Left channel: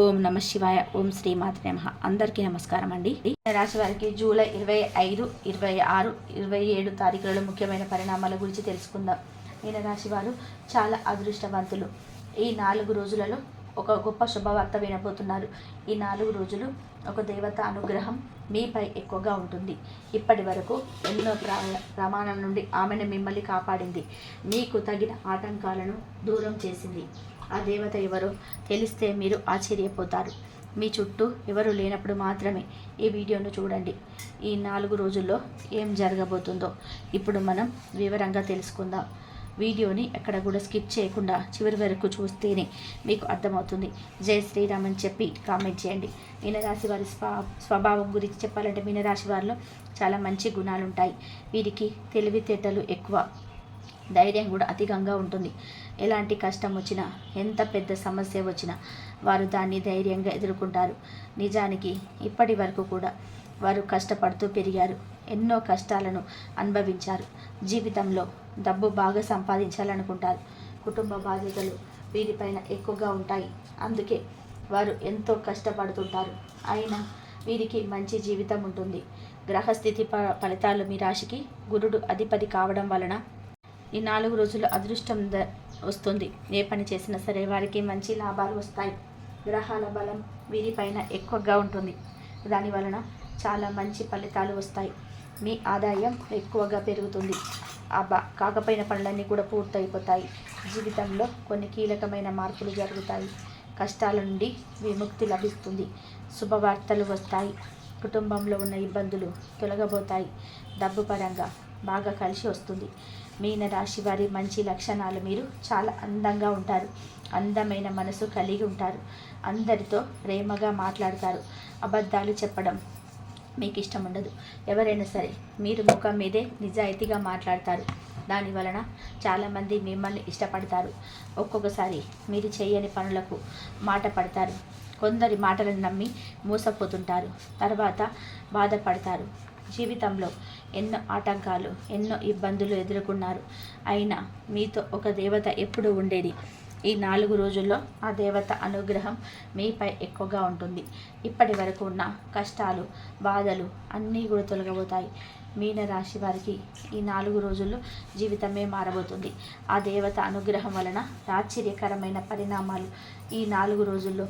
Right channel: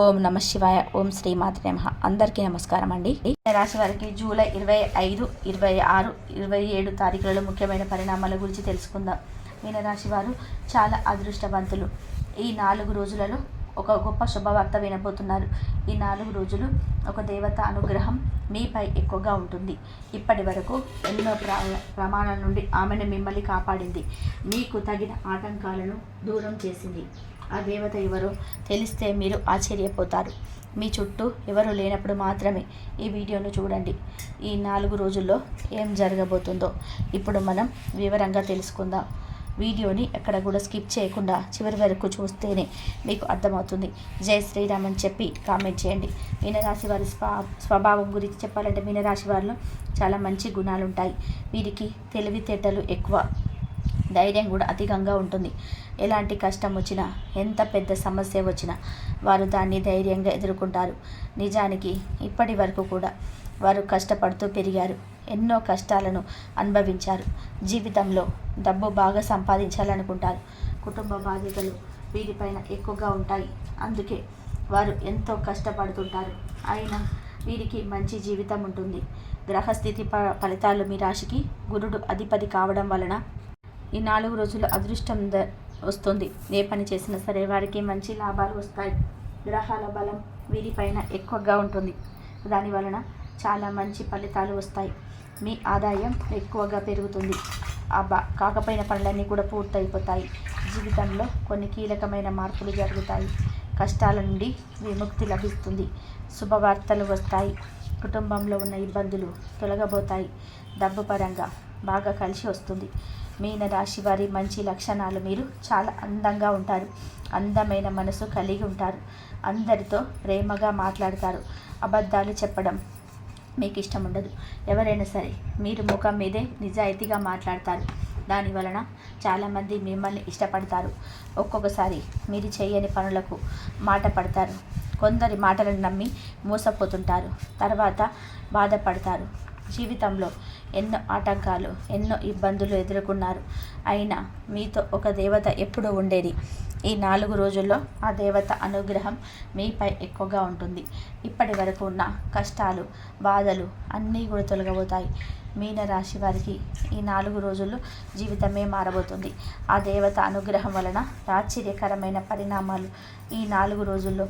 ఓం నమ శివాయ. ఓం శ్రీమాత్రే నమః. అందరికీ నమస్కారం అండి. రాశి వారికి జూలై 25, 26, 27 తారీఖులలో ముఖ్యమైన పరిణామాల గురించి తెలుసుకుందాం. మీనరాశి వారు చాలా అదృష్టవంతులు. ఈ 4 రోజులలో ఒక గొప్ప శుభవార్త వినబోతున్నారు. ఈ 4 రోజులు ఒక దేవత అనుగ్రహం మీపై ఎక్కువగా ఉంటుంది. ఇప్పటి వరకు ఎన్నో ప్రమాణాల నుండి ఆమెను మిమ్మల్ని కాపాడింది. మీకు తగిన ఆటంకాలను దూరం చేసింది. ఆ దేవత ఎవరో తెలిస్తే మీరు ఆశ్చర్యపోతారు. మీ చుట్టూ ఎవరు లేనప్పుడు మాత్రమే ఈ వీడియోను చూడండి. ఈ 4 రోజుల్లో ఏం జరగబోతుందో ఇప్పుడు మనం వివరంగా తెలుసుకుందాం. వీడియోని ఎక్కడ కూడా స్కిప్ చేయకుండా చివరి వరకు చూస్తేనే మీకు అర్థమవుతుంది. జై శ్రీరామ్ అని చెప్పి కామెంట్ చేయండి. మీనరాశి వారి స్వభావం గురించి చెప్పాలంటే మీనరాశి వారిలో చాలా మంచి గుణాలు ఉంటాయి. వీరికి తెలివితేటలు ఎక్కువ, ధైర్యం కూడా అధికంగా ఉంటుంది. ఎలాంటి కష్టం వచ్చినా, ఎంత పెద్ద సమస్య వచ్చినా వారు దాన్ని ధైర్యంగా ఎదుర్కొంటారు. నిజానికి ఇప్పటి వరకు కూడా వారు కష్టపడుతూ పెరిగారు. ఎన్నో కష్టాలను అనుభవించారు. జీవితంలో డబ్బు బాగా సంపాదించాలనుకుంటారు. కుటుంబ బాధ్యతలు వీరిపైన ఎక్కువగా ఉంటాయి. అందుకే వారు ఎంతో కష్టపడుతుంటారు. అయినా వీరికి మంచి జీవితం ఉంటుంది. గ్రహస్థితి ఫలితాలు మీ రాశికి గురుడు అధిపతి కావడం వలన ఈ 4 రోజులు అదృష్టం వస్తుంది. ఏ పని చేసినా సరే వారికి మంచి లాభాలు వస్తాయి. గ్రహాల బలం వీరిపైన ఎక్కువగా ఉంటుంది. దాని వలన చాలా మంచి ఫలితాలు వస్తాయి. మీ ఆదాయం ఎక్కువగా పెరుగుతుంది. కాకపోయిన పనులన్నీ కూడా పూర్తయిపోతాయి. జీవితంలో కొన్ని కీలకమైన మార్పులు జరుగుతాయి. కష్టాల నుండి విముక్తి లభిస్తుంది. శుభవార్తలు వస్తాయి. కుటుంబంలో ఉన్న ఇబ్బందులు తొలగబోతాయి. డబ్బు పరంగా బాగా కలిసి వస్తుంది. మీన రాశి వారి మంచి లక్షణాలు మీరు చాలా అందంగా ఉంటారు. అందమైన మనసు కలిగి ఉంటారు. అందరితో ప్రేమగా మాట్లాడతారు. అబద్ధాలు చెప్పడం మీకు ఇష్టం ఉండదు. ఎవరైనా సరే మీరు ముఖం మీదే నిజాయితీగా మాట్లాడతారు. దాని వలన చాలామంది మిమ్మల్ని ఇష్టపడతారు. ఒక్కొక్కసారి మీరు చేయని పనులకు మాట పడతారు. కొందరి మాటలను నమ్మి మోసపోతుంటారు. తర్వాత బాధపడతారు. జీవితంలో ఎన్నో ఆటంకాలు, ఎన్నో ఇబ్బందులు ఎదుర్కొన్నారు. అయినా మీతో ఒక దేవత ఎప్పుడూ ఉండేది. ఈ 4 రోజుల్లో ఆ దేవత అనుగ్రహం మీపై ఎక్కువగా ఉంటుంది. ఇప్పటి వరకు ఉన్న కష్టాలు, బాధలు అన్నీ కూడా తొలగబోతాయి. మీనరాశి వారికి ఈ 4 రోజుల్లో జీవితమే మారబోతుంది. ఆ దేవత అనుగ్రహం వలన ఆశ్చర్యకరమైన పరిణామాలు ఈ 4 రోజుల్లో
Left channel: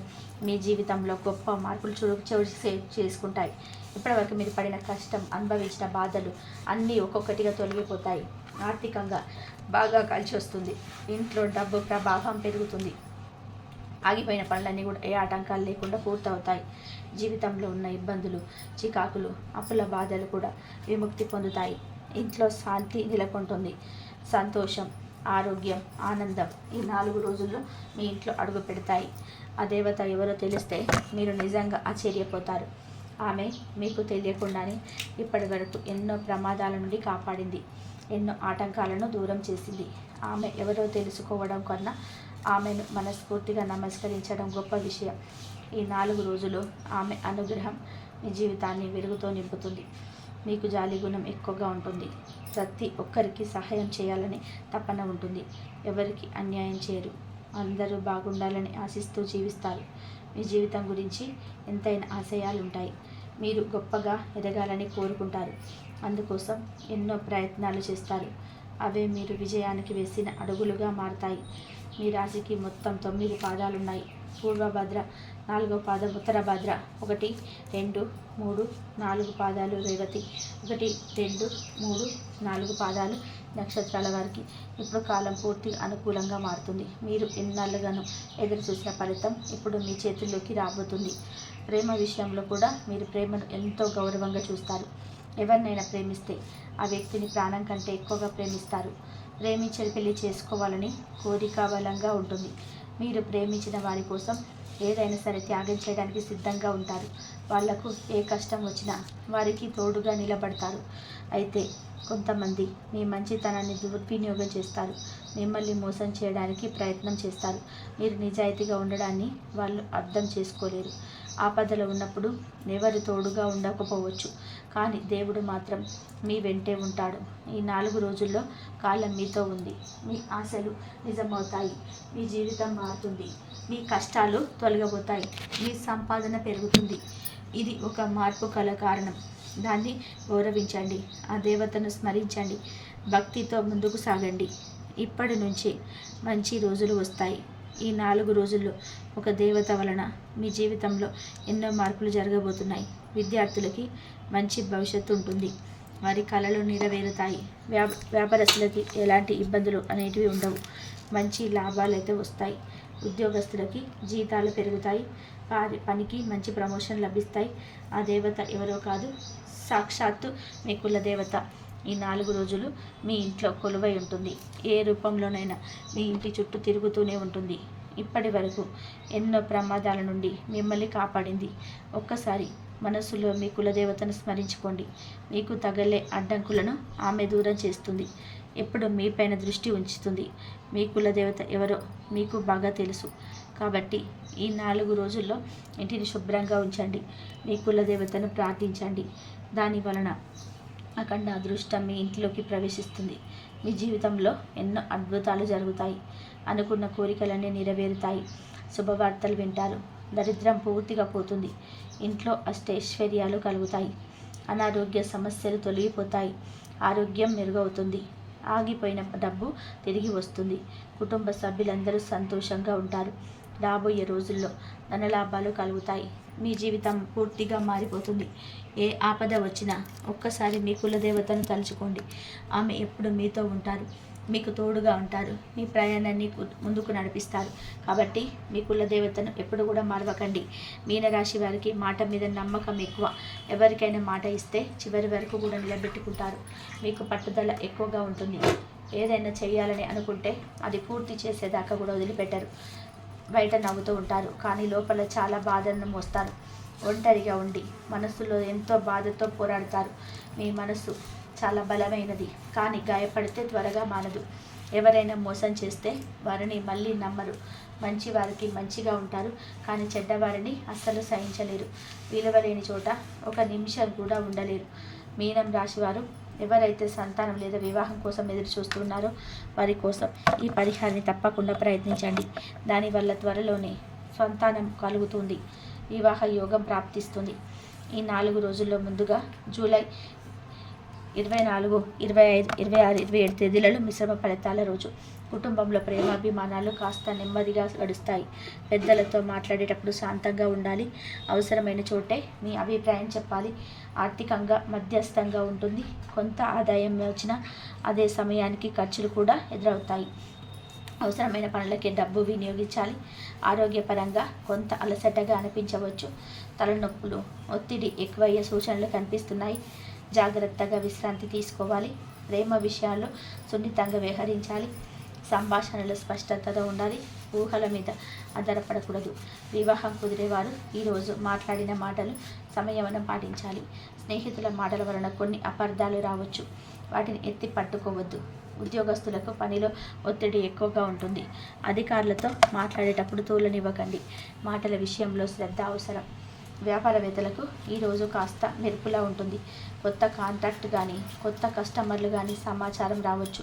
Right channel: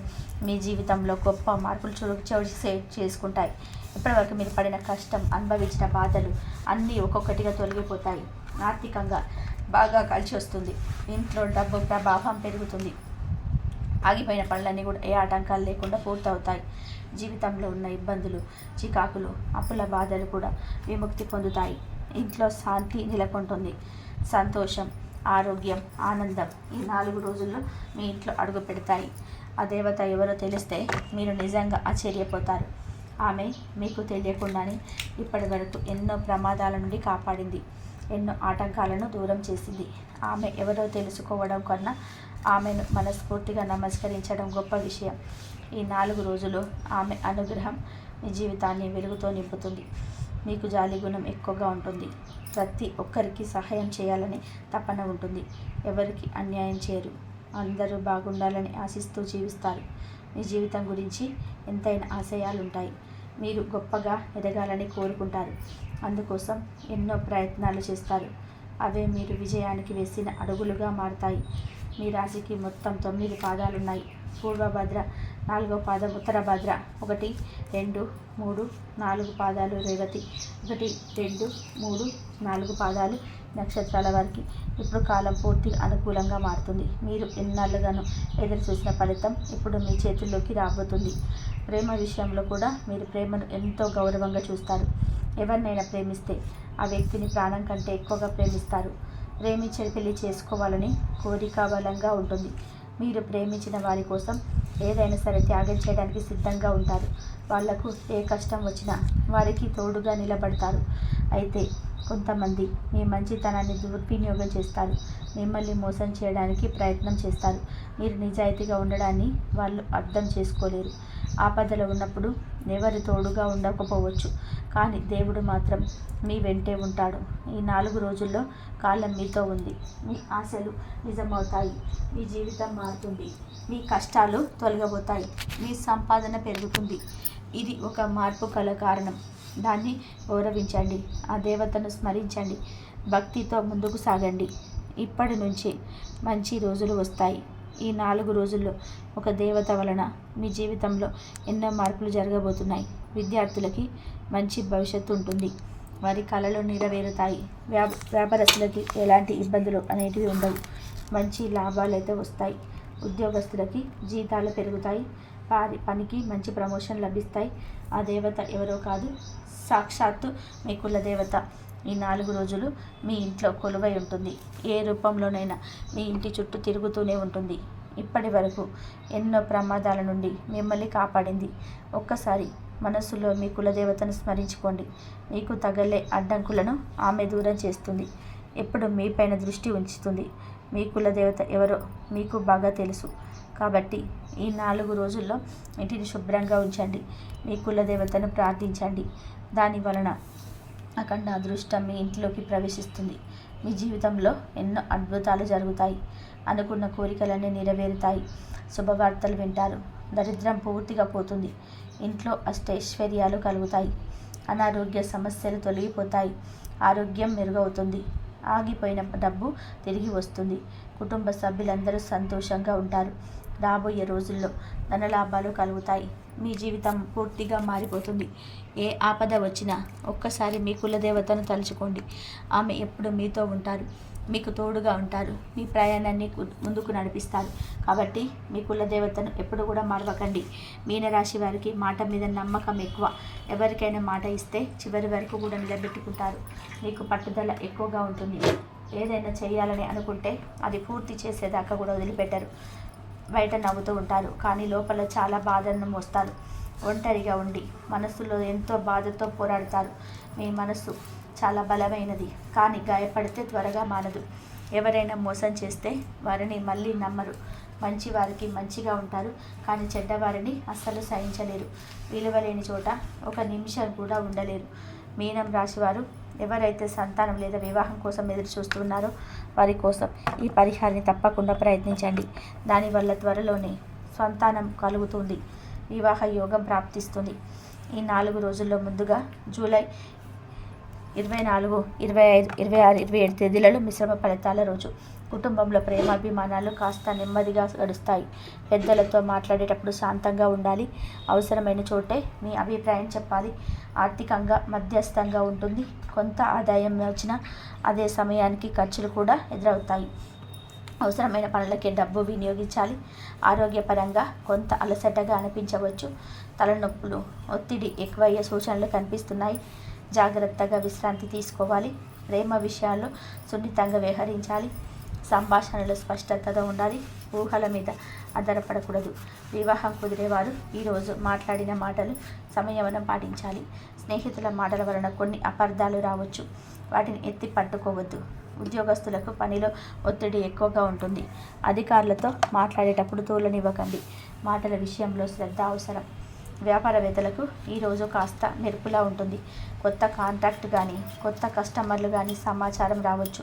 మీ జీవితంలో గొప్ప మార్పులు చోటు చేసుకుంటాయి. ఇప్పటివరకు మీరు పడిన కష్టం, అనుభవించిన బాధలు అన్నీ ఒక్కొక్కటిగా తొలగిపోతాయి. ఆర్థికంగా బాగా కలిసి వస్తుంది. ఇంట్లో డబ్బు ప్రభావం పెరుగుతుంది. ఆగిపోయిన పనులన్నీ కూడా ఏ ఆటంకాలు లేకుండా పూర్తవుతాయి. జీవితంలో ఉన్న ఇబ్బందులు, చికాకులు, అప్పుల బాధలు కూడా విముక్తి పొందుతాయి. ఇంట్లో శాంతి నెలకొంటుంది. సంతోషం, ఆరోగ్యం, ఆనందం ఈ 4 రోజుల్లో మీ ఇంట్లో అడుగు పెడతాయి. ఆ దేవత ఎవరో తెలిస్తే మీరు నిజంగా ఆశ్చర్యపోతారు. ఆమె మీకు తెలియకుండానే ఇప్పటి వరకు ఎన్నో ప్రమాదాల నుండి కాపాడింది. ఎన్నో ఆటంకాలను దూరం చేసింది. ఆమె ఎవరో తెలుసుకోవడం కన్నా ఆమెను మనస్ఫూర్తిగా నమస్కరించడం గొప్ప విషయం. ఈ 4 రోజులు ఆమె అనుగ్రహం మీ జీవితాన్ని వెలుగుతో నింపుతుంది. మీకు జాలి గుణం ఎక్కువగా ఉంటుంది. ప్రతి ఒక్కరికి సహాయం చేయాలని తపన ఉంటుంది. ఎవరికి అన్యాయం చేయరు. అందరూ బాగుండాలని ఆశిస్తూ జీవిస్తారు. మీ జీవితం గురించి ఎంతైనా ఆశయాలు ఉంటాయి. మీరు గొప్పగా ఎదగాలని కోరుకుంటారు. అందుకోసం ఎన్నో ప్రయత్నాలు చేస్తారు. అవే మీరు విజయానికి వేసిన అడుగులుగా మారుతాయి. మీ రాశికి మొత్తం 9 పాదాలున్నాయి. పూర్వభద్ర, 4వ పాదం ఉత్తరభద్ర, 1, 2, 3, 4 పాదాలు రేవతి, 1, 2, 3, 4 పాదాలు నక్షత్రాల వారికి ఇప్పుడు కాలం పూర్తిగా అనుకూలంగా మారుతుంది. మీరు ఎన్నాళ్ళుగానో ఎదురు చూసిన ఫలితం ఇప్పుడు మీ చేతుల్లోకి రాబోతుంది. ప్రేమ విషయంలో కూడా మీరు ప్రేమను ఎంతో గౌరవంగా చూస్తారు. ఎవరినైనా ప్రేమిస్తే ఆ వ్యక్తిని ప్రాణం కంటే ఎక్కువగా ప్రేమిస్తారు. ప్రేమించి పెళ్లి చేసుకోవాలని కోరిక బలంగా ఉంటుంది. మీరు ప్రేమించిన వారి కోసం ఏదైనా సరే త్యాగం చేయడానికి సిద్ధంగా ఉంటారు. వాళ్లకు ఏ కష్టం వచ్చినా వారికి తోడుగా నిలబడతారు. అయితే కొంతమంది మీ మంచితనాన్ని దుర్వినియోగం చేస్తారు. మిమ్మల్ని మోసం చేయడానికి ప్రయత్నం చేస్తారు. మీరు నిజాయితీగా ఉండడాన్ని వాళ్ళు అర్థం చేసుకోలేరు. ఆపదలో ఉన్నప్పుడు ఎవరు తోడుగా ఉండకపోవచ్చు, కానీ దేవుడు మాత్రం మీ వెంటే ఉంటాడు. ఈ 4 రోజుల్లో కాలం మీతో ఉంది. మీ ఆశలు నిజమవుతాయి. మీ జీవితం మారుతుంది. మీ కష్టాలు తొలగబోతాయి. మీ సంపాదన పెరుగుతుంది. ఇది ఒక మార్పు కల కారణం. దాన్ని గౌరవించండి. ఆ దేవతను స్మరించండి. భక్తితో ముందుకు సాగండి. ఇప్పటి నుంచి మంచి రోజులు వస్తాయి. ఈ 4 రోజుల్లో ఒక దేవత వలన మీ జీవితంలో ఎన్నో మార్పులు జరగబోతున్నాయి. విద్యార్థులకి మంచి భవిష్యత్తు ఉంటుంది. వారి కళలు నెరవేరుతాయి. వ్యాపారస్తులకి ఎలాంటి ఇబ్బందులు అనేటివి ఉండవు. మంచి లాభాలు అయితే వస్తాయి. ఉద్యోగస్తులకి జీతాలు పెరుగుతాయి. వారి పనికి మంచి ప్రమోషన్ లభిస్తాయి. ఆ దేవత ఎవరో కాదు, సాక్షాత్తు మీ కుల దేవత ఈ 4 రోజులు మీ ఇంట్లో కొలువై ఉంటుంది. ఏ రూపంలోనైనా మీ ఇంటి చుట్టూ తిరుగుతూనే ఉంటుంది. ఇప్పటి వరకు ఎన్నో ప్రమాదాల నుండి మిమ్మల్ని కాపాడింది. ఒక్కసారి మనస్సులో మీ కులదేవతను స్మరించుకోండి. మీకు తగలే అడ్డంకులను ఆమె దూరం చేస్తుంది. ఎప్పుడు మీపైన దృష్టి ఉంచుతుంది. మీ కులదేవత ఎవరో మీకు బాగా తెలుసు. కాబట్టి ఈ 4 రోజుల్లో ఇంటిని శుభ్రంగా ఉంచండి. మీ కులదేవతను ప్రార్థించండి. దాని వలన అఖండ అదృష్టం మీ ఇంట్లోకి ప్రవేశిస్తుంది. మీ జీవితంలో ఎన్నో అద్భుతాలు జరుగుతాయి. అనుకున్న కోరికలన్నీ నెరవేరుతాయి. శుభవార్తలు వింటారు. దరిద్రం పూర్తిగా పోతుంది. ఇంట్లో అష్టైశ్వర్యాలు కలుగుతాయి. అనారోగ్య సమస్యలు తొలగిపోతాయి. ఆరోగ్యం మెరుగవుతుంది. ఆగిపోయిన డబ్బు తిరిగి వస్తుంది. కుటుంబ సభ్యులందరూ సంతోషంగా ఉంటారు. రాబోయే రోజుల్లో ధనలాభాలు కలుగుతాయి. మీ జీవితం పూర్తిగా మారిపోతుంది. ఏ ఆపద వచ్చినా ఒక్కసారి మీ కులదేవతను తలుచుకోండి. ఆమె ఎప్పుడు మీతో ఉంటారు. మీకు తోడుగా ఉంటారు. మీ ప్రయాణాన్ని ముందుకు నడిపిస్తారు. కాబట్టి మీ కులదేవతను ఎప్పుడు కూడా మరవకండి. మీనరాశి వారికి మాట మీద నమ్మకం ఎక్కువ. ఎవరికైనా మాట ఇస్తే చివరి వరకు కూడా నిలబెట్టుకుంటారు. మీకు పట్టుదల ఎక్కువగా ఉంటుంది. ఏదైనా చేయాలని అనుకుంటే అది పూర్తి చేసేదాకా కూడా వదిలిపెట్టరు. బయట నవ్వుతూ ఉంటారు, కానీ లోపల చాలా బాధను మోస్తారు. ఒంటరిగా ఉండి మనస్సులో ఎంతో బాధతో పోరాడతారు. మీ మనస్సు చాలా బలమైనది, కానీ గాయపడితే త్వరగా మానదు. ఎవరైనా మోసం చేస్తే వారిని మళ్ళీ నమ్మరు. మంచి వారికి మంచిగా ఉంటారు, కానీ చెడ్డవారిని అస్సలు సహించలేరు. విలువలేని చోట ఒక నిమిషం కూడా ఉండలేరు. మీనం రాశివారు ఎవరైతే సంతానం లేదా వివాహం కోసం ఎదురు చూస్తున్నారో వారి కోసం ఈ పరిహారాన్ని తప్పకుండా ప్రయత్నించండి. దానివల్ల త్వరలోనే సంతానం కలుగుతుంది. వివాహ యోగం ప్రాప్తిస్తుంది. ఈ 4 రోజుల్లో ముందుగా జూలై 24, 25, 26, 27 తేదీలలో మిశ్రమ ఫలితాల రోజు. కుటుంబంలో ప్రేమాభిమానాలు కాస్త నెమ్మదిగా గడుస్తాయి. పెద్దలతో మాట్లాడేటప్పుడు శాంతంగా ఉండాలి. అవసరమైన చోటే మీ అభిప్రాయం చెప్పాలి. ఆర్థికంగా మధ్యస్థంగా ఉంటుంది. కొంత ఆదాయం వచ్చినా అదే సమయానికి ఖర్చులు కూడా ఎదురవుతాయి. అవసరమైన పనులకే డబ్బు వినియోగించాలి. ఆరోగ్యపరంగా కొంత అలసటగా అనిపించవచ్చు. తలనొప్పులు, ఒత్తిడి ఎక్కువయ్యే సూచనలు కనిపిస్తున్నాయి. జాగ్రత్తగా విశ్రాంతి తీసుకోవాలి. ప్రేమ విషయాల్లో సున్నితంగా వ్యవహరించాలి. సంభాషణలో స్పష్టతతో ఉండాలి. ఊహల మీద ఆధారపడకూడదు. వివాహం కుదిరేవారు ఈరోజు మాట్లాడిన మాటలు సంయమనం పాటించాలి. స్నేహితుల మాటల వలన కొన్ని అపార్థాలు రావచ్చు. వాటిని ఎత్తి పట్టుకోవద్దు. ఉద్యోగస్తులకు పనిలో ఒత్తిడి ఎక్కువగా ఉంటుంది. అధికారులతో మాట్లాడేటప్పుడు తోలనివ్వకండి. మాటల విషయంలో శ్రద్ధ అవసరం. వ్యాపారవేత్తలకు ఈరోజు కాస్త మెరుపులా ఉంటుంది. కొత్త కాంట్రాక్ట్ కానీ కొత్త కస్టమర్లు కానీ సమాచారం రావచ్చు.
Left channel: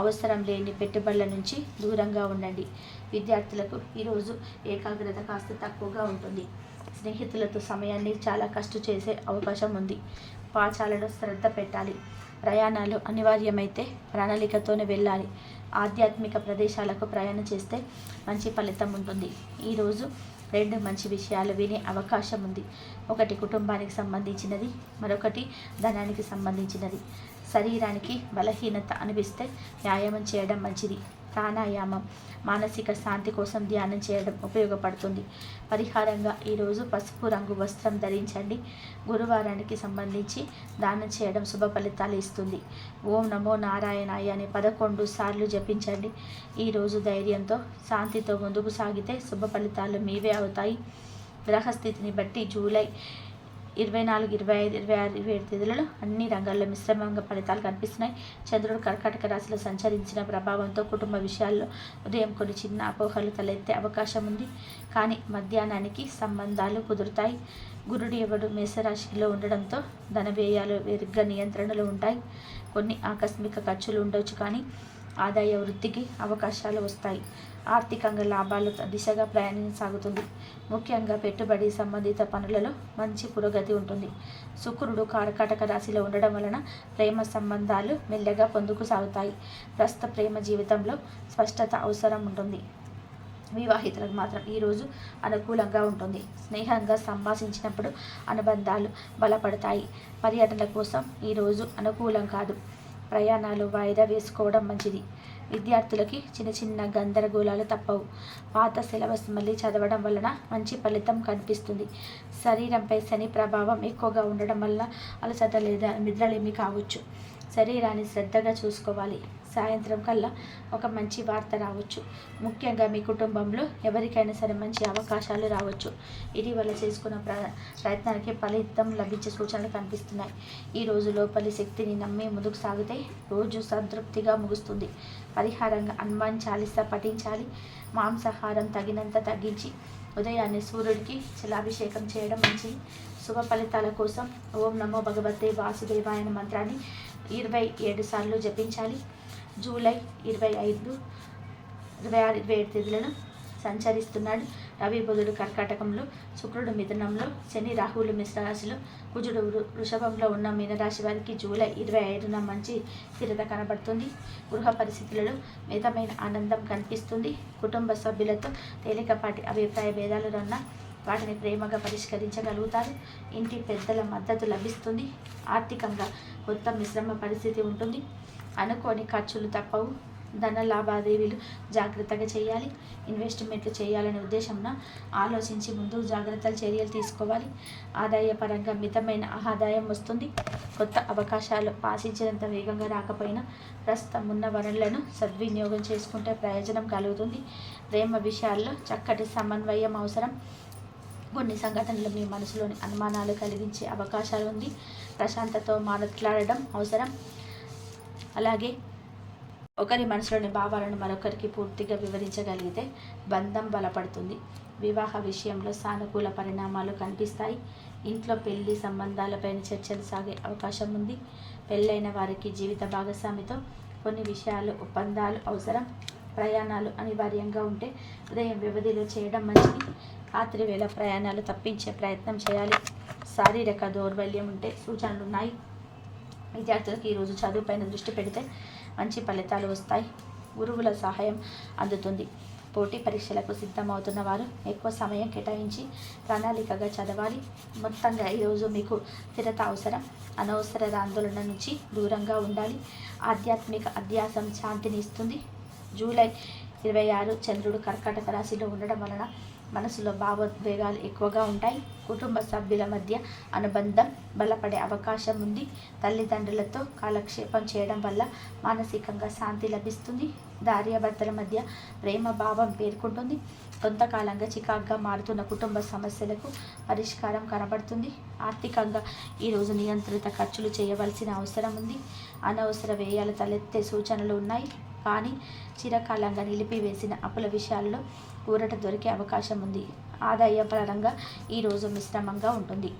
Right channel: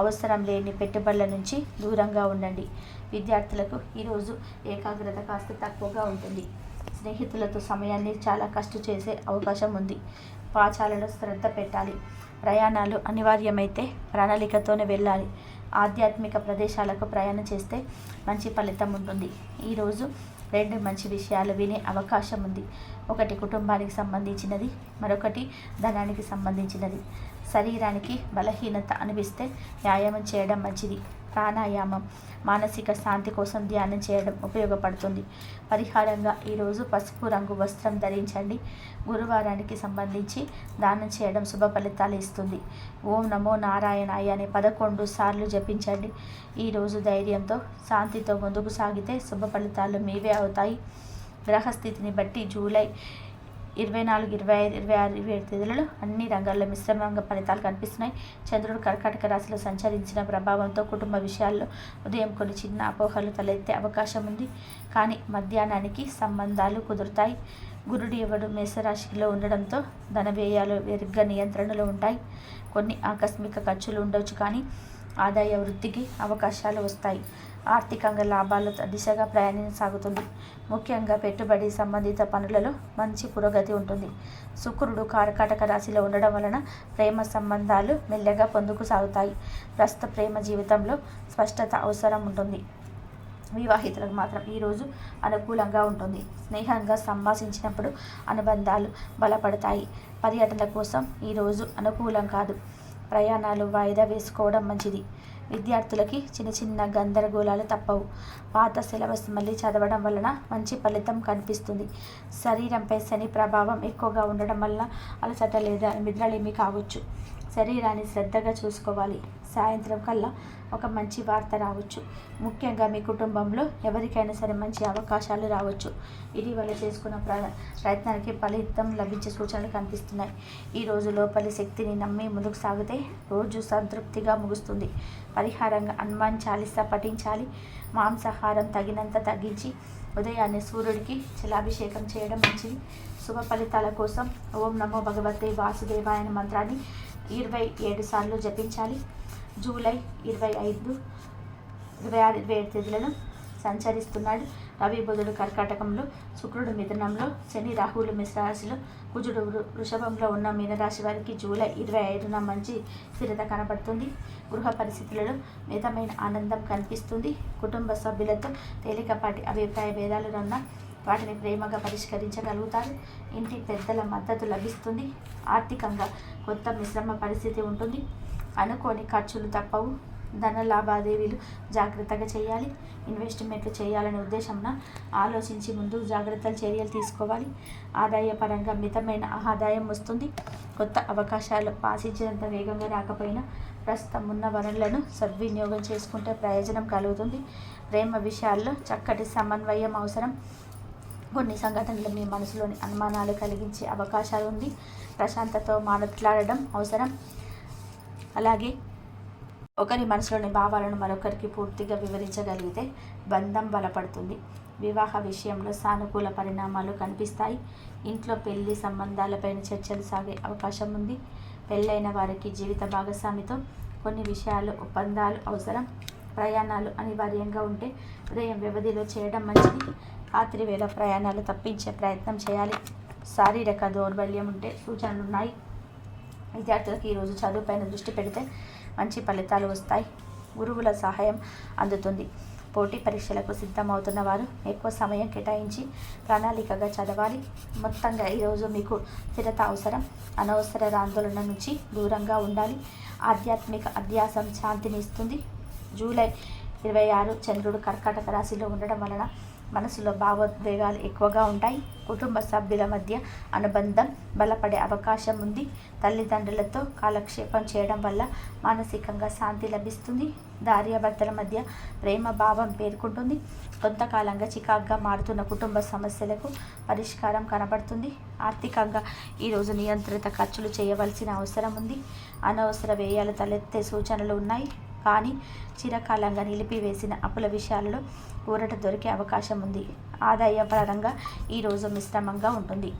అవసరం లేని పెట్టుబడుల నుంచి దూరంగా ఉండండి. విద్యార్థులకు ఈరోజు ఏకాగ్రత కాస్త తక్కువగా ఉంటుంది. స్నేహితులతో సమయాన్ని చాలా కష్టం చేసే అవకాశం ఉంది. పాఠశాలలో శ్రద్ధ పెట్టాలి. ప్రయాణాలు అనివార్యమైతే ప్రణాళికతోనే వెళ్ళాలి. ఆధ్యాత్మిక ప్రదేశాలకు ప్రయాణం చేస్తే మంచి ఫలితం ఉంటుంది. ఈరోజు 2 మంచి విషయాలు వినే అవకాశం ఉంది. ఒకటి కుటుంబానికి సంబంధించినది, మరొకటి ధనానికి సంబంధించినది. శరీరానికి బలహీనత అనిపిస్తే వ్యాయామం చేయడం మంచిది. ప్రాణాయామం, మానసిక శాంతి కోసం ధ్యానం చేయడం ఉపయోగపడుతుంది. పరిహారంగా ఈరోజు పసుపు రంగు వస్త్రం ధరించండి. గురువారానికి సంబంధించి దానం చేయడం శుభ ఫలితాలు ఇస్తుంది. ఓం నమో నారాయణాయ అని 11 సార్లు జపించండి. ఈరోజు ధైర్యంతో శాంతితో ముందుకు సాగితే శుభ ఫలితాలు మీవే అవుతాయి. గ్రహస్థితిని బట్టి జూలై 24, 25, 26, 27 తేదీలలో అన్ని రంగాల్లో మిశ్రమంగా ఫలితాలు కనిపిస్తున్నాయి. చంద్రుడు కర్కాటక రాశిలో సంచరించిన ప్రభావంతో కుటుంబ విషయాల్లో ఉదయం కొన్ని చిన్న అపోహలు తలెత్తే అవకాశం ఉంది. కానీ మధ్యాహ్నానికి సంబంధాలు కుదురుతాయి. గురుడు ఎవడు మేషరాశిలో ఉండడంతో ధన వ్యయాలు మెరుగ్గా నియంత్రణలో ఉంటాయి. కొన్ని ఆకస్మిక ఖర్చులు ఉండవచ్చు, కానీ ఆదాయ వృద్ధికి అవకాశాలు వస్తాయి. ఆర్థికంగా లాభాల దిశగా ప్రయాణం సాగుతుంది. ముఖ్యంగా పెట్టుబడి సంబంధిత పనులలో మంచి పురోగతి ఉంటుంది. శుక్రుడు కర్కాటక రాశిలో ఉండడం వలన ప్రేమ సంబంధాలు మెల్లగా పొందుకు సాగుతాయి. ప్రస్తుత ప్రేమ జీవితంలో స్పష్టత అవసరం ఉంటుంది. వివాహితులకు మాత్రం ఈరోజు అనుకూలంగా ఉంటుంది. స్నేహంగా సంభాషించినప్పుడు అనుబంధాలు బలపడతాయి. పర్యటనల కోసం ఈరోజు అనుకూలం కాదు. ప్రయాణాలు వాయిదా వేసుకోవడం మంచిది. విద్యార్థులకి చిన్న చిన్న గందరగోళాలు తప్పవు. పాత సిలబస్ మళ్ళీ చదవడం వలన మంచి ఫలితం కనిపిస్తుంది. శరీరంపై శని ప్రభావం ఎక్కువగా ఉండడం వల్ల అలసట లేదా నిద్రలేమి కావచ్చు. శరీరాన్ని శ్రద్ధగా చూసుకోవాలి. సాయంత్రం కల్లా ఒక మంచి వార్త రావచ్చు. ముఖ్యంగా మీ కుటుంబంలో ఎవరికైనా సరే మంచి అవకాశాలు రావచ్చు. ఇటీవల చేసుకున్న ప్రయత్నానికి ఫలితం లభించే సూచనలు కనిపిస్తున్నాయి. ఈ రోజు లోపలి శక్తిని నమ్మి ముందుకు సాగితే రోజు సంతృప్తిగా ముగుస్తుంది. పరిహారంగా హనుమాన్ చాలీసా పఠించాలి. మాంసాహారం తగినంత తగ్గించి ఉదయాన్నే సూర్యుడికి జలాభిషేకం చేయడం మంచిది. శుభ ఫలితాల కోసం ఓం నమో భగవతే వాసుదేవాయ అనే మంత్రాన్ని 27 సార్లు జపించాలి. జూలై 25, 26, 27 తేదీలను సంచరిస్తున్నాడు. రవి బుధుడు కర్కాటకంలో, శుక్రుడు మిథునంలో, శని రాహువులు మేషరాశిలో, కుజుడు వృషభంలో ఉన్న మీనరాశి వారికి జూలై 25న మంచి స్థిరత కనబడుతుంది. గృహ పరిస్థితులలో మితమైన ఆనందం కనిపిస్తుంది. కుటుంబ సభ్యులతో తేలికపాటి అభిప్రాయ భేదాలు ఉన్న వాటిని ప్రేమగా పరిష్కరించగలుగుతారు. ఇంటి పెద్దల మద్దతు లభిస్తుంది. ఆర్థికంగా కొత్త మిశ్రమ పరిస్థితి ఉంటుంది. అనుకోని ఖర్చులు తప్పవు. ధన లావాదేవీలు జాగ్రత్తగా చేయాలి. ఇన్వెస్ట్మెంట్లు చేయాలనే ఉద్దేశంన ఆలోచించి ముందు జాగ్రత్తలు చర్యలు తీసుకోవాలి. ఆదాయపరంగా మితమైన ఆదాయం వస్తుంది. కొత్త అవకాశాలు ఆశించినంత వేగంగా రాకపోయినా ప్రస్తుతం ఉన్న వనరులను సద్వినియోగం చేసుకుంటే ప్రయోజనం కలుగుతుంది. ప్రేమ విషయాల్లో చక్కటి సమన్వయం అవసరం. కొన్ని సంఘటనలు మీ మనసులోని అనుమానాలు కలిగించే అవకాశాలు ఉంది. ప్రశాంతతో మాట్లాడడం అవసరం. అలాగే ఒకరి మనసులోని భావాలను మరొకరికి పూర్తిగా వివరించగలిగితే బంధం బలపడుతుంది. వివాహ విషయంలో సానుకూల పరిణామాలు కనిపిస్తాయి. ఇంట్లో పెళ్లి సంబంధాలపైన చర్చలు సాగే అవకాశం ఉంది. పెళ్ళైన వారికి జీవిత భాగస్వామితో కొన్ని విషయాలు ఒప్పందాలు అవసరం. ప్రయాణాలు అనివార్యంగా ఉంటే ఉదయం వ్యవధిలో చేయడం మంచిది. రాత్రి వేళ ప్రయాణాలు తప్పించే ప్రయత్నం చేయాలి. శారీరక దౌర్బల్యం ఉంటే సూచనలు ఉన్నాయి. విద్యార్థులకు ఈరోజు చదువుపైన దృష్టి పెడితే మంచి ఫలితాలు వస్తాయి. గురువుల సహాయం అందుతుంది. పోటీ పరీక్షలకు సిద్ధమవుతున్న వారు ఎక్కువ సమయం కేటాయించి ప్రణాళికగా చదవాలి. మొత్తంగా ఈరోజు మీకు స్థిరత అవసరం. అనవసర ఆందోళన నుంచి దూరంగా ఉండాలి. ఆధ్యాత్మిక అధ్యాసం శాంతిని ఇస్తుంది. జూలై 26 చంద్రుడు కర్కాటక రాశిలో ఉండడం వలన మనసులో భావోద్వేగాలు ఎక్కువగా ఉంటాయి. కుటుంబ సభ్యుల మధ్య అనుబంధం బలపడే అవకాశం ఉంది. తల్లిదండ్రులతో కాలక్షేపం చేయడం వల్ల మానసికంగా శాంతి లభిస్తుంది. భార్యాభర్తల మధ్య ప్రేమ భావం పేర్కొంటుంది. కొంతకాలంగా చికాగ్గా మారుతున్న కుటుంబ సమస్యలకు పరిష్కారం కనబడుతుంది. ఆర్థికంగా ఈరోజు నియంత్రిత ఖర్చులు చేయవలసిన అవసరం ఉంది. అనవసర వ్యయాలు తలెత్తే సూచనలు ఉన్నాయి. కానీ చిరకాలంగా నిలిపివేసిన అప్పుల విషయాల్లో ఊరట దొరికే అవకాశం ఉంది. ఆదాయ పరంగా ఈరోజు మిశ్రమంగా ఉంటుంది.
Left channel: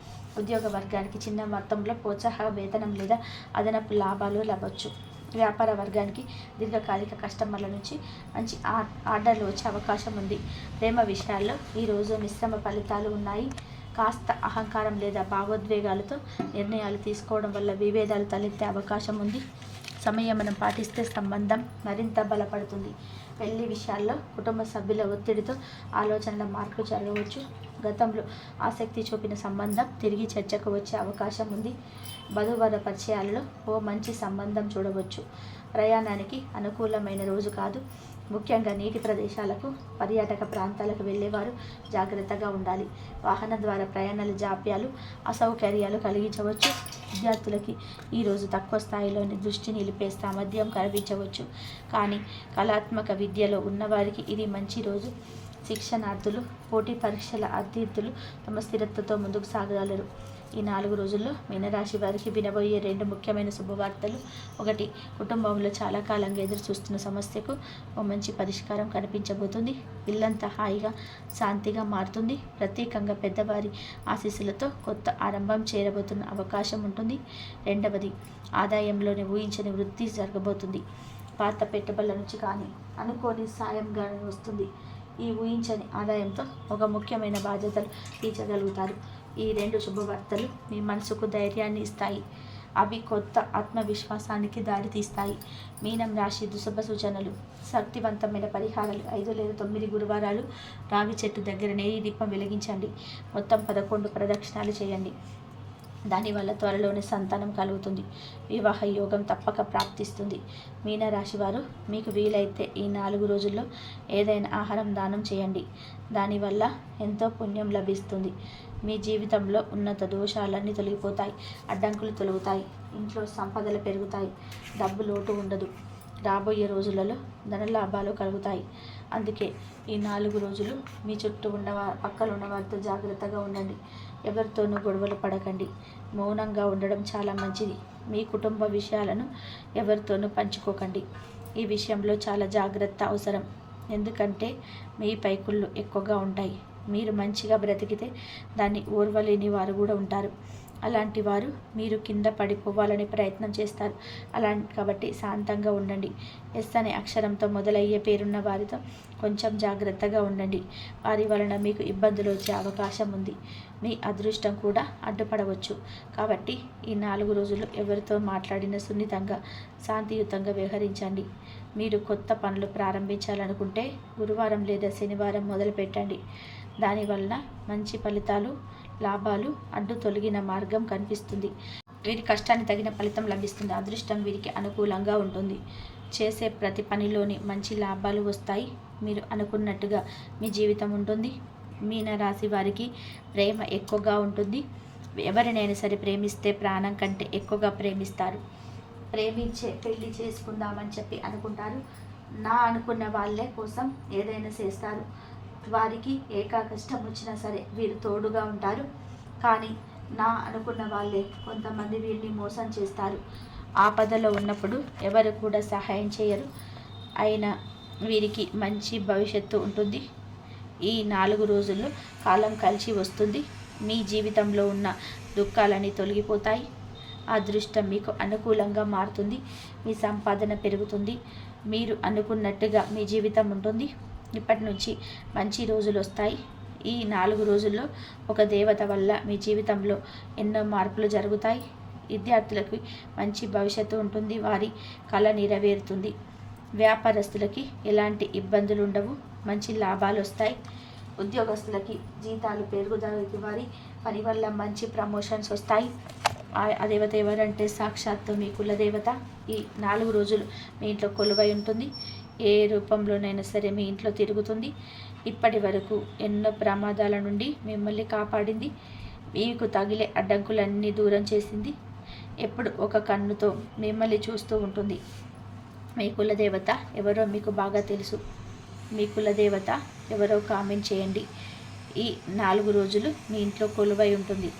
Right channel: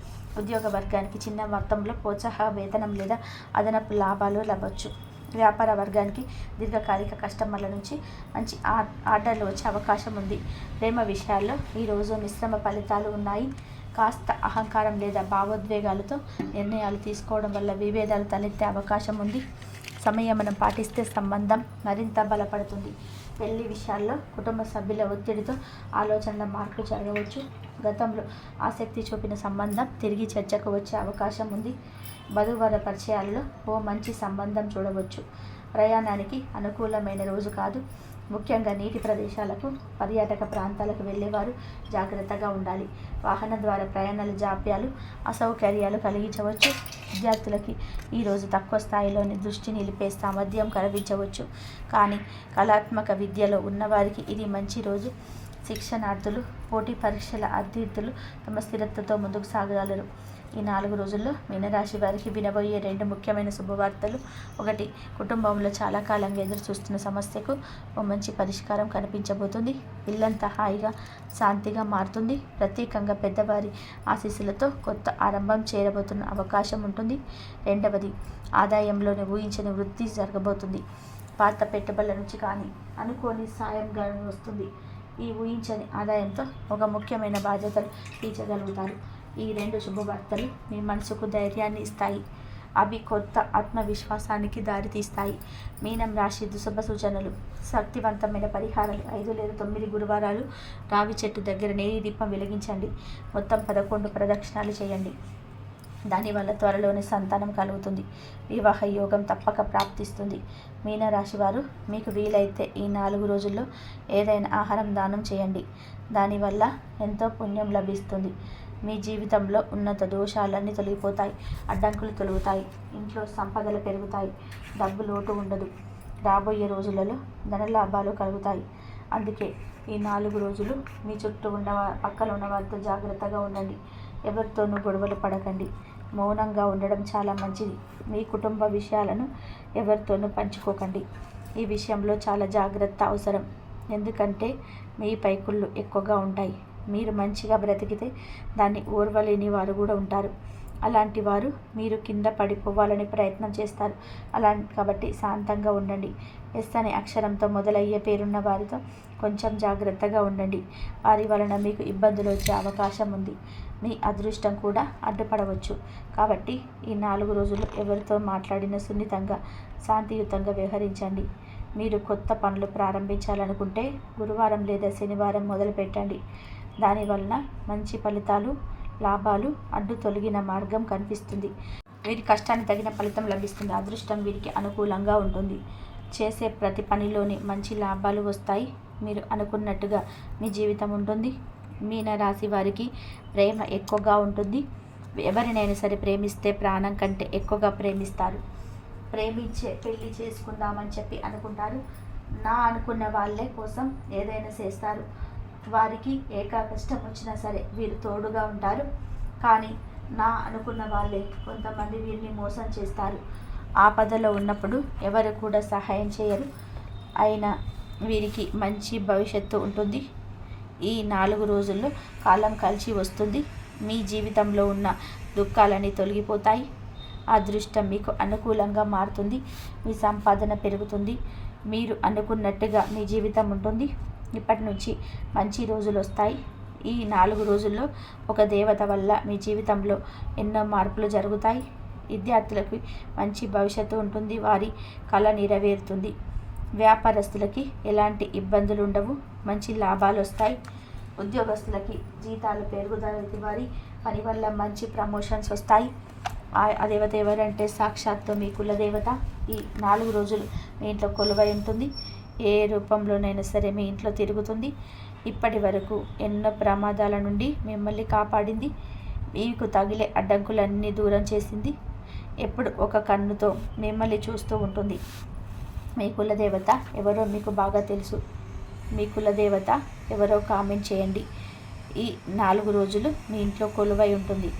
ఉద్యోగ వర్గానికి చిన్న మొత్తంలో ప్రోత్సాహ వేతనం లేదా అదనపు లాభాలు లభించవచ్చు. వ్యాపార వర్గానికి దీర్ఘకాలిక కస్టమర్ల నుంచి మంచి ఆర్డర్లు వచ్చే అవకాశం ఉంది. ప్రేమ విషయాల్లో ఈరోజు మిశ్రమ ఫలితాలు ఉన్నాయి. కాస్త అహంకారం లేదా భావోద్వేగాలతో నిర్ణయాలు తీసుకోవడం వల్ల విభేదాలు తలెత్తే అవకాశం ఉంది. సంయమనం పాటిస్తే సంబంధం మరింత బలపడుతుంది. పెళ్లి విషయాల్లో కుటుంబ సభ్యుల ఒత్తిడితో ఆలోచనల మార్పులు జరగవచ్చు. గతంలో ఆసక్తి చూపిన సంబంధం తిరిగి చర్చకు వచ్చే అవకాశం ఉంది. వధూవర పరిచయాలలో ఓ మంచి సంబంధం చూడవచ్చు. ప్రయాణానికి అనుకూలమైన రోజు కాదు. ముఖ్యంగా నీటి ప్రదేశాలకు, పర్యాటక ప్రాంతాలకు వెళ్ళేవారు జాగ్రత్తగా ఉండాలి. వాహనం ద్వారా ప్రయాణాలు జాప్యాలు, అసౌకర్యాలు కలిగించవచ్చు. విద్యార్థులకి ఈరోజు తక్కువ స్థాయిలోని దృష్టి నిలిపే సామర్థ్యం కనిపించవచ్చు. కానీ కళాత్మక విద్యలో ఉన్నవారికి ఇది మంచి రోజు. శిక్షణార్థులు, పోటీ పరీక్షల అభ్యర్థులు తమ స్థిరత్వంతో ముందుకు సాగగలరు. ఈ 4 రోజుల్లో మీనరాశి వారికి వినబోయే 2 ముఖ్యమైన శుభవార్తలు. 1. కుటుంబంలో చాలా కాలంగా ఎదురు చూస్తున్న సమస్యకు ఓ మంచి పరిష్కారం కనిపించబోతుంది. ఇల్లంతా హాయిగా శాంతిగా మారుతుంది. ప్రత్యేకంగా పెద్దవారి ఆశీస్సులతో కొత్త ఆరంభం చేరబోతున్న అవకాశం ఉంటుంది. 2. ఆదాయంలోని ఊహించని వృద్ధి జరగబోతుంది. పాత పెట్టుబడుల నుంచి కానీ అనుకోని సాయం వస్తుంది. ఈ ఊహించని ఆదాయంతో ఒక ముఖ్యమైన బాధ్యతలు తీర్చగలుగుతారు. ఈ 2 శుభవార్తలు మీ మనసుకు ధైర్యాన్ని ఇస్తాయి. అవి కొత్త ఆత్మవిశ్వాసానికి దారితీస్తాయి. మీనం రాశి శుభ సూచనలు. శక్తివంతమైన పరిహారాలు. 5 లేదా 9 గురువారాలు రావి చెట్టు దగ్గర నెయ్యి దీపం వెలిగించండి. మొత్తం 11 ప్రదక్షిణాలు చేయండి. దానివల్ల త్వరలోనే సంతానం కలుగుతుంది. వివాహ యోగం తప్పక ప్రాప్తిస్తుంది. మీనరాశి వారు, మీకు వీలైతే ఈ 4 రోజుల్లో ఏదైనా ఆహారం దానం చేయండి. దానివల్ల ఎంతో పుణ్యం లభిస్తుంది. మీ జీవితంలో ఉన్నత దోషాలన్నీ తొలగిపోతాయి. అడ్డంకులు తొలగుతాయి. ఇంట్లో సంపదలు పెరుగుతాయి. డబ్బు లోటు ఉండదు. రాబోయే రోజులలో ధనలాభాలు కలుగుతాయి. అందుకే ఈ 4 రోజులు మీ చుట్టూ పక్కన ఉన్న వారితో జాగ్రత్తగా ఉండండి. ఎవరితోనూ గొడవలు పడకండి. మౌనంగా ఉండడం చాలా మంచిది. మీ కుటుంబ విషయాలను ఎవరితోనూ పంచుకోకండి. ఈ విషయంలో చాలా జాగ్రత్త అవసరం. ఎందుకంటే మీ పైకుళ్ళు ఎక్కువగా ఉంటాయి. మీరు మంచిగా బ్రతికితే దాన్ని ఓర్వలేని వారు కూడా ఉంటారు. అలాంటి వారు మీరు కింద పడిపోవాలని ప్రయత్నం చేస్తారు. కాబట్టి శాంతంగా ఉండండి. ఎస్ అనే అక్షరంతో మొదలయ్యే పేరున్న వారితో కొంచెం జాగ్రత్తగా ఉండండి. వారి వలన మీకు ఇబ్బందులు వచ్చే అవకాశం ఉంది. మీ అదృష్టం కూడా అడ్డుపడవచ్చు. కాబట్టి ఈ 4 రోజులు ఎవరితో మాట్లాడినా సున్నితంగా, శాంతియుతంగా వ్యవహరించండి. మీరు కొత్త పనులు ప్రారంభించాలనుకుంటే గురువారం లేదా శనివారం మొదలుపెట్టండి. దానివలన మంచి ఫలితాలు, లాభాలు, అడ్డు తొలగిన మార్గం కనిపిస్తుంది. వీరి కష్టానికి తగిన ఫలితం లభిస్తుంది. అదృష్టం వీరికి అనుకూలంగా ఉంటుంది. చేసే ప్రతి పనిలోని మంచి లాభాలు వస్తాయి. మీరు అనుకున్నట్టుగా మీ జీవితం ఉంటుంది. మీన రాశి వారికి ప్రేమ ఎక్కువగా ఉంటుంది. ఎవరినైనా సరే ప్రేమిస్తే ప్రాణం కంటే ఎక్కువగా ప్రేమిస్తారు. ప్రేమించే పెళ్లి చేసుకుందామని చెప్పి అనుకుంటారు. నా అనుకున్న వాళ్ళే కోసం ఏదైనా చేస్తారు. వారికి కష్టం వచ్చినా సరే వీరు తోడుగా ఉంటారు. కానీ నా అనుకున్న వాళ్ళే కొంతమంది వీరిని మోసం చేస్తారు. ఆపదలో ఉన్నప్పుడు ఎవరు కూడా సహాయం చేయరు. అయినా వీరికి మంచి భవిష్యత్తు ఉంటుంది. ఈ 4 రోజుల్లో కాలం కలిసి వస్తుంది. మీ జీవితంలో ఉన్న దుఃఖాలన్నీ తొలగిపోతాయి. అదృష్టం మీకు అనుకూలంగా మారుతుంది. మీ సంపాదన పెరుగుతుంది. మీరు అనుకున్నట్టుగా మీ జీవితం ఉంటుంది. ఇప్పటి నుంచి మంచి రోజులు వస్తాయి. ఈ 4 రోజుల్లో ఒక దేవత వల్ల మీ జీవితంలో ఎన్నో మార్పులు జరుగుతాయి. విద్యార్థులకు మంచి భవిష్యత్తు ఉంటుంది. వారి కళ నెరవేరుతుంది. వ్యాపారస్తులకి ఎలాంటి ఇబ్బందులు ఉండవు. మంచి లాభాలు వస్తాయి. ఉద్యోగస్తులకి జీతాలు పెరుగుదల, వారి పని వల్ల మంచి ప్రమోషన్స్ వస్తాయి. ఆ దేవత ఎవరంటే సాక్షాత్తు మీ కులదేవత. ఈ 4 రోజులు మీ ఇంట్లో కొలువై ఉంటుంది. ఏ రూపంలోనైనా సరే మీ ఇంట్లో తిరుగుతుంది. ఇప్పటి వరకు ఎన్నో ప్రమాదాల నుండి మిమ్మల్ని కాపాడింది. మీకు తగిలే అడ్డంకులన్నీ దూరం చేసింది. ఎప్పుడు ఒక కన్నుతో మిమ్మల్ని చూస్తూ ఉంటుంది. మీ కులదేవత ఎవరో మీకు బాగా తెలుసు. మీ కులదేవత ఎవరో కామెంట్ చేయండి. ఈ 4 రోజులు మీ ఇంట్లో కొలువై ఉంటుంది.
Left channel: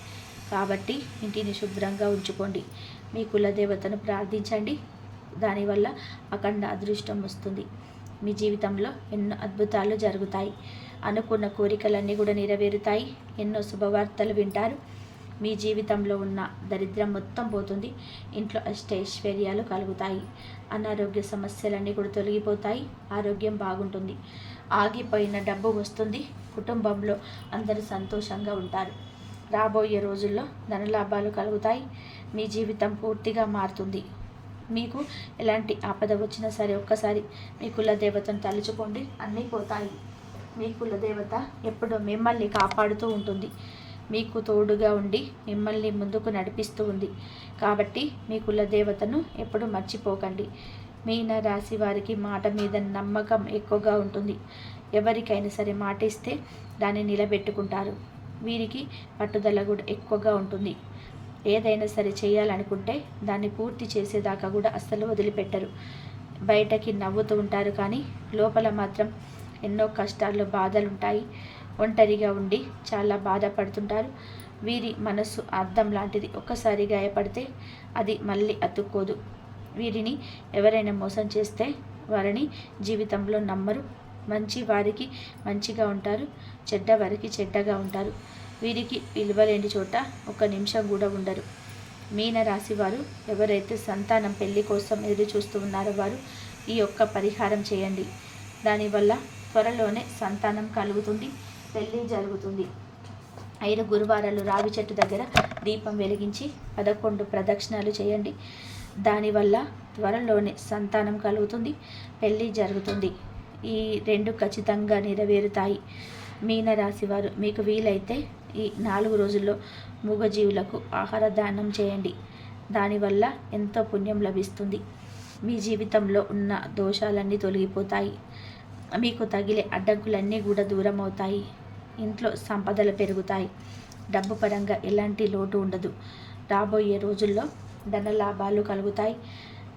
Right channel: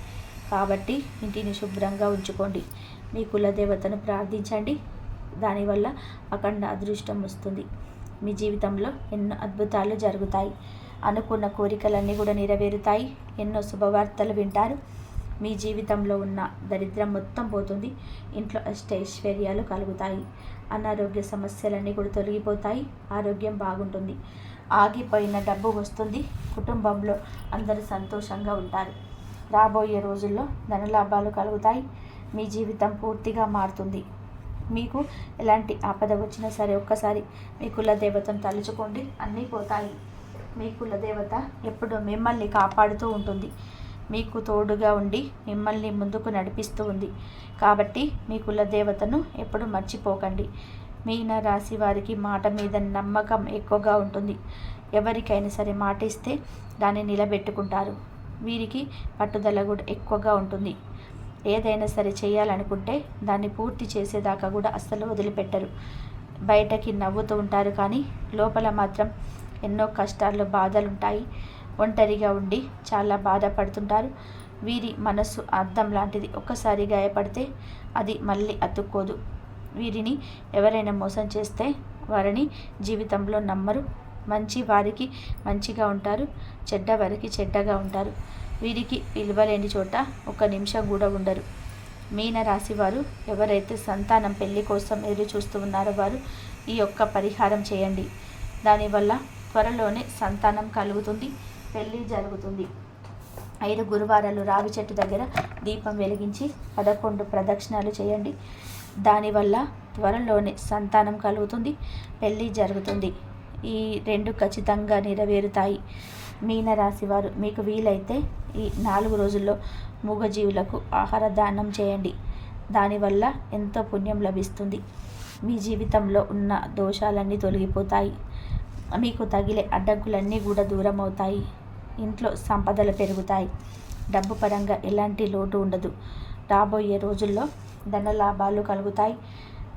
కాబట్టి ఇంటిని శుభ్రంగా ఉంచుకోండి. మీ కులదేవతను ప్రార్థించండి. దానివల్ల అఖండ అదృష్టం వస్తుంది. మీ జీవితంలో ఎన్నో అద్భుతాలు జరుగుతాయి. అనుకున్న కోరికలన్నీ కూడా నెరవేరుతాయి. ఎన్నో శుభవార్తలు వింటారు. మీ జీవితంలో ఉన్న దరిద్రం మొత్తం పోతుంది. ఇంట్లో అష్టైశ్వర్యాలు కలుగుతాయి. అనారోగ్య సమస్యలన్నీ కూడా తొలగిపోతాయి. ఆరోగ్యం బాగుంటుంది. ఆగిపోయిన డబ్బు వస్తుంది. కుటుంబంలో అందరూ సంతోషంగా ఉంటారు. రాబోయే రోజుల్లో ధనలాభాలు కలుగుతాయి. మీ జీవితం పూర్తిగా మారుతుంది. మీకు ఎలాంటి ఆపద వచ్చినా సరే ఒక్కసారి మీ కులదేవతను తలుచుకోండి. అన్నీ పోతాయి. మీ కులదేవత ఎప్పుడూ మిమ్మల్ని కాపాడుతూ ఉంటుంది. మీకు తోడుగా ఉండి మిమ్మల్ని ముందుకు నడిపిస్తూ ఉంది. కాబట్టి మీ కులదేవతను ఎప్పుడు మర్చిపోకండి. మీన రాశి వారికి మాట మీద నమ్మకం ఎక్కువగా ఉంటుంది. ఎవరికైనా సరే మాట ఇస్తే దాన్ని నిలబెట్టుకుంటారు. వీరికి పట్టుదల కూడా ఎక్కువగా ఉంటుంది. ఏదైనా సరే చేయాలనుకుంటే దాన్ని పూర్తి చేసేదాకా కూడా అస్సలు వదిలిపెట్టరు. బయటకి నవ్వుతూ ఉంటారు, కానీ లోపల మాత్రం ఎన్నో కష్టాలు, బాధలుంటాయి. ఒంటరిగా ఉండి చాలా బాధపడుతుంటారు. వీరి మనస్సు అద్దం లాంటిది. ఒక్కసారి గాయపడితే అది మళ్ళీ అతుక్కోదు. వీరిని ఎవరైనా మోసం చేస్తే వారిని జీవితంలో నమ్మరు. మంచి వారికి మంచిగా ఉంటారు, చెడ్డ వారికి చెడ్డగా ఉంటారు. వీరికి విలువలేని చోట ఒక నిమిషం కూడా ఉండరు. మీన రాశి వారు ఎవరైతే సంతానం పెళ్లి కోసం ఎదురు చూస్తూ ఉన్నారో వారు ఈ యొక్క పరిహారం చేయండి. దానివల్ల త్వరలోనే సంతానం కలుగుతుంది, పెళ్ళి జరుగుతుంది. 5 గురువారాలు రావి చెట్టు దగ్గర దీపం వెలిగించి 11 ప్రదక్షిణాలు చేయండి. దానివల్ల త్వరలోనే సంతానం కలుగుతుంది, పెళ్ళి జరుగుతుంది. ఈ 2 ఖచ్చితంగా నెరవేరుతాయి. మీనరాశి వారు మీకు వీలైతే ఈ 4 రోజుల్లో మూగజీవులకు ఆహార దానం చేయండి. దానివల్ల ఎంతో పుణ్యం లభిస్తుంది. మీ జీవితంలో ఉన్న దోషాలన్నీ తొలగిపోతాయి. మీకు తగిలే అడ్డంకులన్నీ కూడా దూరం అవుతాయి. ఇంట్లో సంపదలు పెరుగుతాయి. డబ్బు పరంగా ఎలాంటి లోటు ఉండదు. రాబోయే రోజుల్లో ధన లాభాలు కలుగుతాయి.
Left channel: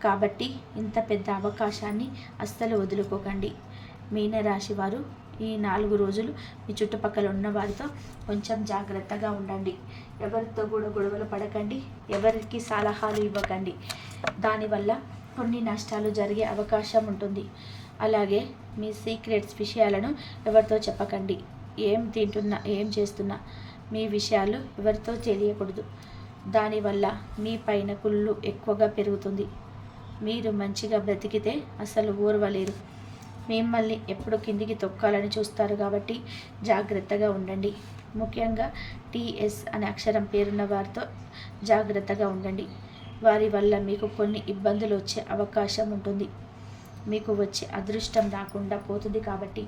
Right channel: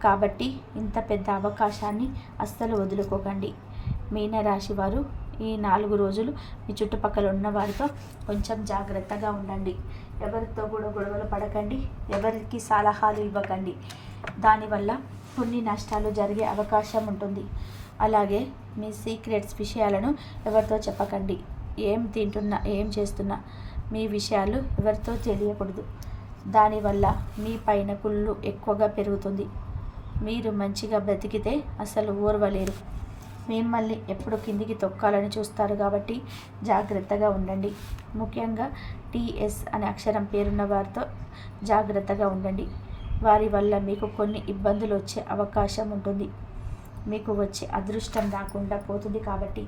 కాబట్టి ఇంత పెద్ద అవకాశాన్ని అస్సలు వదులుకోకండి. మీనరాశి వారు ఈ 4 రోజులు మీ చుట్టుపక్కల ఉన్న వారితో కొంచెం జాగ్రత్తగా ఉండండి. ఎవరితో కూడా గొడవలు పడకండి. ఎవరికి సలహాలు ఇవ్వకండి. దానివల్ల కొన్ని నష్టాలు జరిగే అవకాశం ఉంటుంది. అలాగే మీ సీక్రెట్స్ విషయాలను ఎవరితో చెప్పకండి. ఏం తింటున్నా, ఏం చేస్తున్నా మీ విషయాలు ఎవరితో తెలియకూడదు. దానివల్ల మీ పైన కుళ్ళు ఎక్కువగా పెరుగుతుంది. మీరు మంచిగా బ్రతికితే అసలు ఓర్వలేరు. మిమ్మల్ని ఎప్పుడు కిందికి తొక్కాలని చూస్తారు. కాబట్టి జాగ్రత్తగా ఉండండి. ముఖ్యంగా టీఎస్ అనే అక్షరం పేరున్న వారితో జాగ్రత్తగా ఉండండి. వారి వల్ల మీకు కొన్ని ఇబ్బందులు వచ్చే అవకాశం ఉంటుంది. మీకు వచ్చే అదృష్టం రాకుండా పోతుంది. కాబట్టి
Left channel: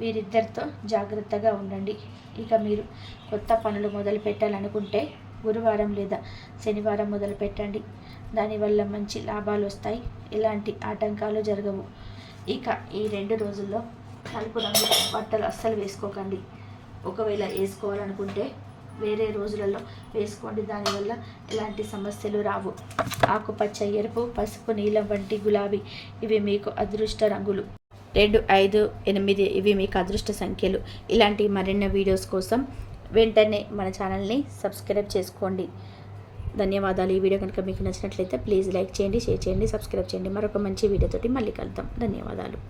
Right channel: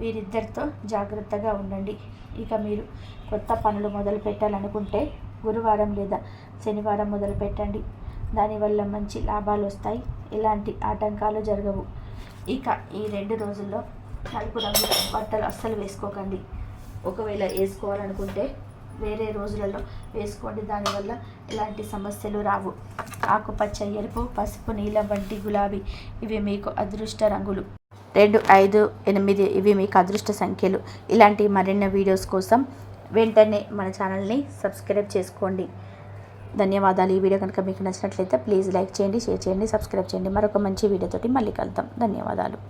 వీరిద్దరితో జాగ్రత్తగా ఉండండి. ఇక మీరు కొత్త పనులు మొదలు పెట్టాలనుకుంటే గురువారం లేదా శనివారం మొదలు పెట్టండి. దానివల్ల మంచి లాభాలు వస్తాయి. ఎలాంటి ఆటంకాలు జరగవు. ఇక ఈ 2 రోజుల్లో నలుపు రంగు బట్టలు అస్సలు వేసుకోకండి. ఒకవేళ వేసుకోవాలనుకుంటే వేరే రోజులలో వేసుకోండి. దానివల్ల ఎలాంటి సమస్యలు రావు. ఆకుపచ్చ, ఎరుపు, పసుపు, నీలం వంటి గులాబీ ఇవి మీకు అదృష్ట రంగులు. 2, 5, 8 ఇవి మీకు అదృష్ట సంఖ్యలు. ఇలాంటి మరిన్ని వీడియోస్ కోసం వెంటనే మన ఛానల్ని సబ్స్క్రైబ్ చేసుకోండి. ధన్యవాదాలు. ఈ వీడియో కనుక మీకు నచ్చినట్లయితే ప్లీజ్ లైక్ చేయండి, షేర్ చేయండి, సబ్స్క్రైబ్ చేయండి. మరొక మంచి వీడియోతోటి మళ్ళీ కలుద్దాం. ధన్యవాదాలు.